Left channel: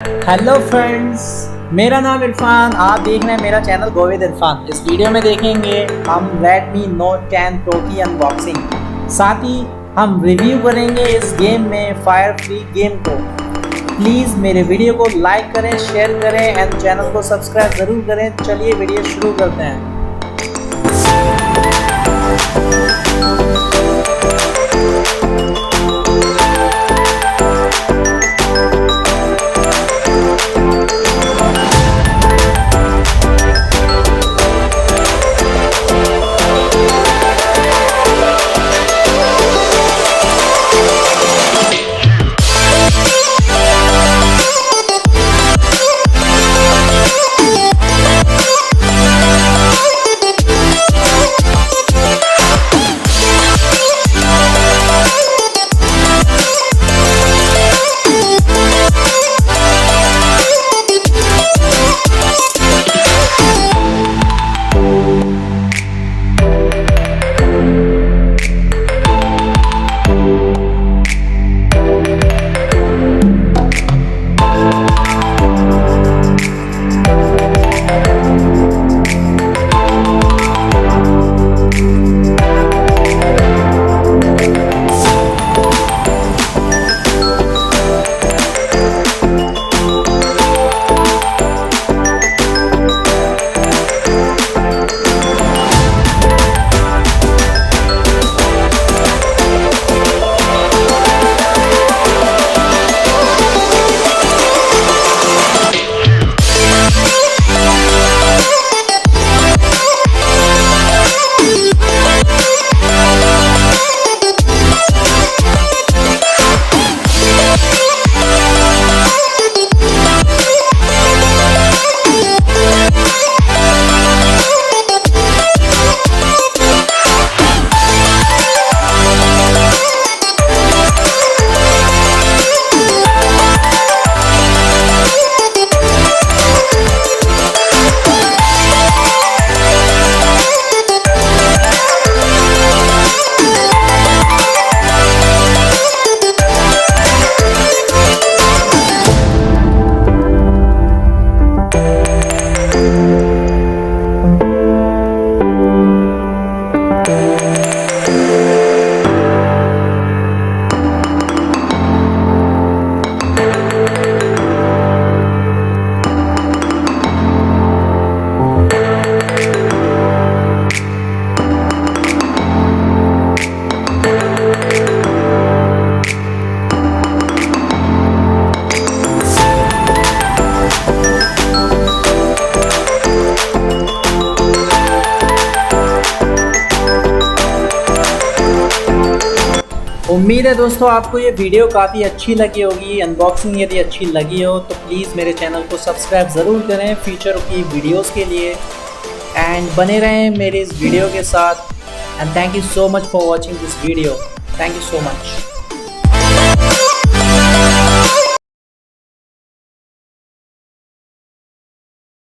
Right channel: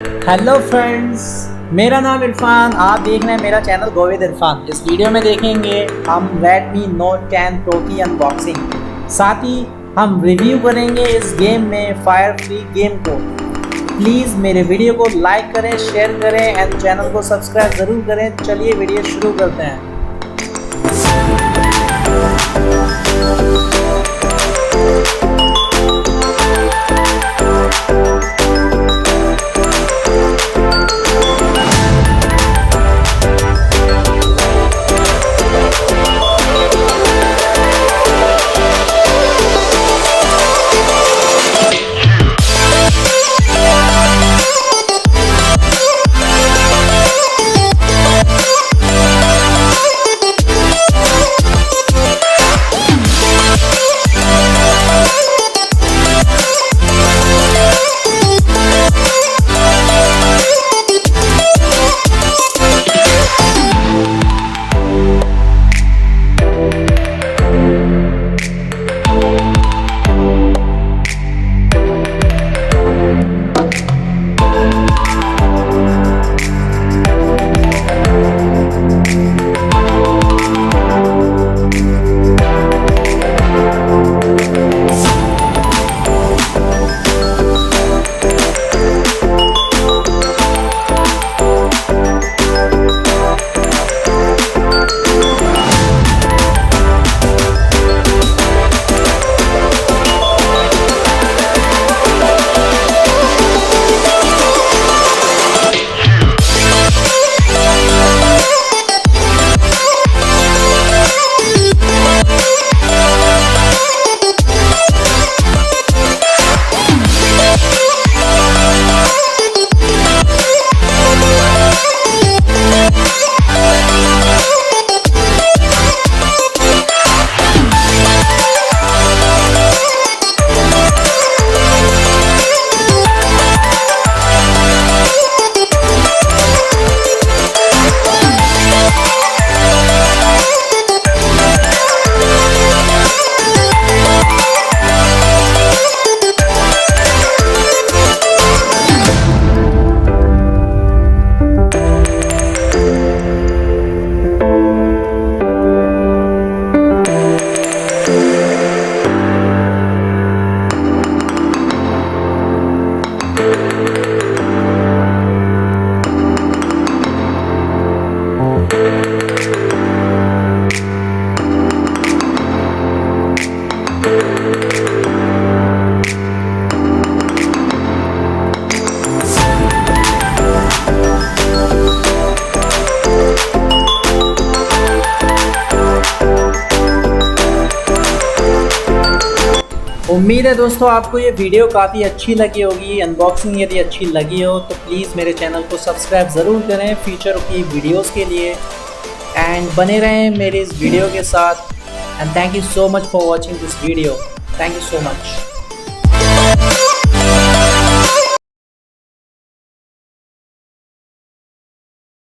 Hello friends, मेरा नाम इरफान। आप देख रहे हैं मेरा चैनल विथ इरफान। इस वीडियो में देखेंगे हम Redmi Note 10 Pro की अनबॉक्सिंग, साथ ही हम रिव्यू करेंगे इस गेम में फायर फ्री गेम को। प्लीज़ मेरे वीडियो को लाइक करें, शेयर करें एंड चैनल को सब्सक्राइब ज़रूर करें। चलिए वीडियो शुरू करते हैं। उम्मीद है दोस्तों आपको ये वीडियो काफ़ी अच्छी लगी होगी। अनबॉक्सिंग यदि अच्छी लगी हो तो प्लीज़ मेरे चैनल को सब्सक्राइब ज़रूर करें फ्यूचर की वीडियोस के लिए, एंड बने रहें मेरे इस वीडियो के साथ। And thank you so much for watching this video. Thank you so much.